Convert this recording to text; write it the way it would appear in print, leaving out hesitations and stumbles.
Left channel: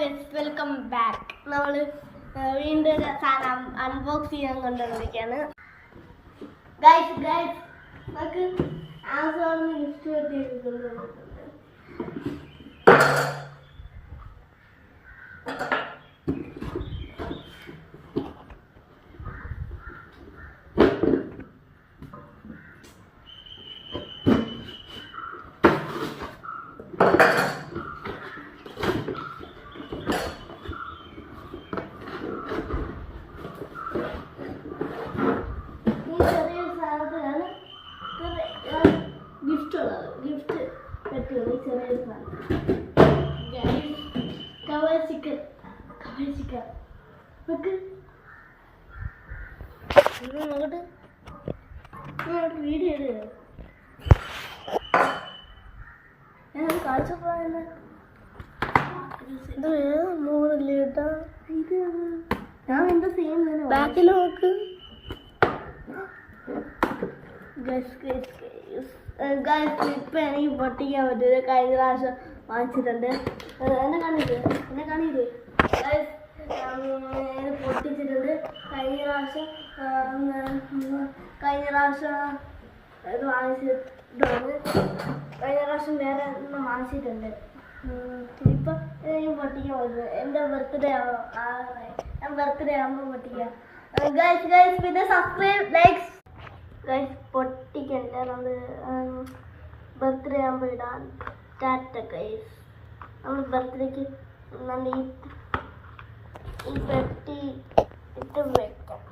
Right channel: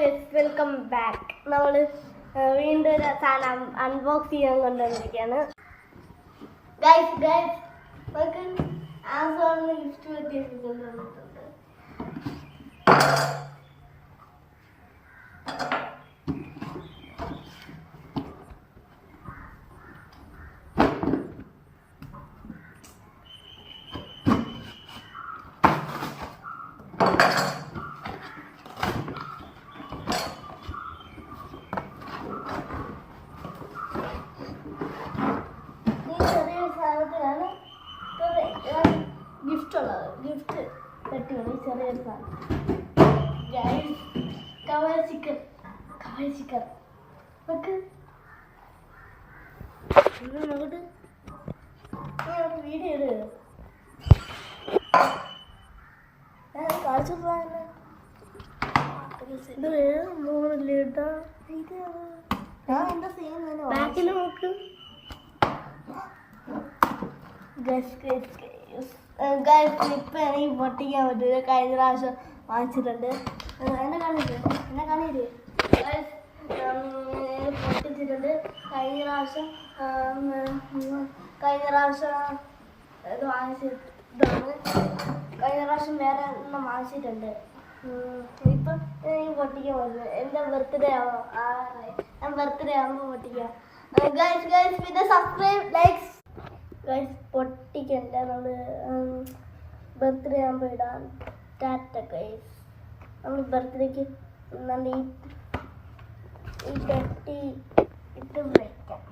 Welcome back. നമ്മൾ വീണ്ടും ഒരു സാധനം അൺബോക്സ് ചെയ്യാൻ കൊണ്ടുവന്നിരിക്കുകയാണ്. ഗൈസ് നമുക്ക് ആമസോണിൽ ഗിഫ്റ്റ് കൊണ്ടുവന്നിട്ടുണ്ട്. ഗിഫ്റ്റ് പറ്റുള്ളൂ ചെറിയൊരു സാധനം. കവർ ചിക്കൻ നോക്ക് നോക്കട്ടെ. വീഡിയോ ഇട്. കാണിച്ചു മോളില്ല കേട്ടോ. ഇത് ഞാൻ എന്താ ചെയ്യുന്നത്? ബാക്കിൽ നോക്ക്. ഇപ്പം എനിക്ക് പൊട്ടിക്കാൻ പറ്റില്ല. കഴിഞ്ഞ പ്രാവശ്യം വാങ്ങിച്ചിട്ടുണ്ട്. എന്നെ കാണില്ലേ പൊട്ടിച്ചിട്ടുണ്ട്. കഴിഞ്ഞ പ്രാവശ്യം ഇത് വാങ്ങിച്ചിട്ടാണ്. കഴിഞ്ഞ പ്രാവശ്യം വേറെ ഒന്നും വാങ്ങിച്ചിട്ടുണ്ട്. ഇപ്പം എനിക്ക് പൊട്ടിക്കാൻ പറ്റില്ല. എൻ്റെ ബർത്ത്ഡേ ആണോ ഞാൻ ബർത്ത്ഡേ ആകുമ്പോൾ പൊട്ടിക്കാം. പിന്നെ സബ്സ്ക്രൈബ് ലൈക്സ് പൊട്ടിക്കണ്ട. നമ്മൾ ബർത്ത്ഡേ ആകുമ്പോൾ ഇടാൻ. ടാറ്റ ഗൈസ്. നമ്മൾ ബർത്ത്ഡേക്ക് നല്ല ഈ പെട്ടി ഇട്ട് വെക്കാം.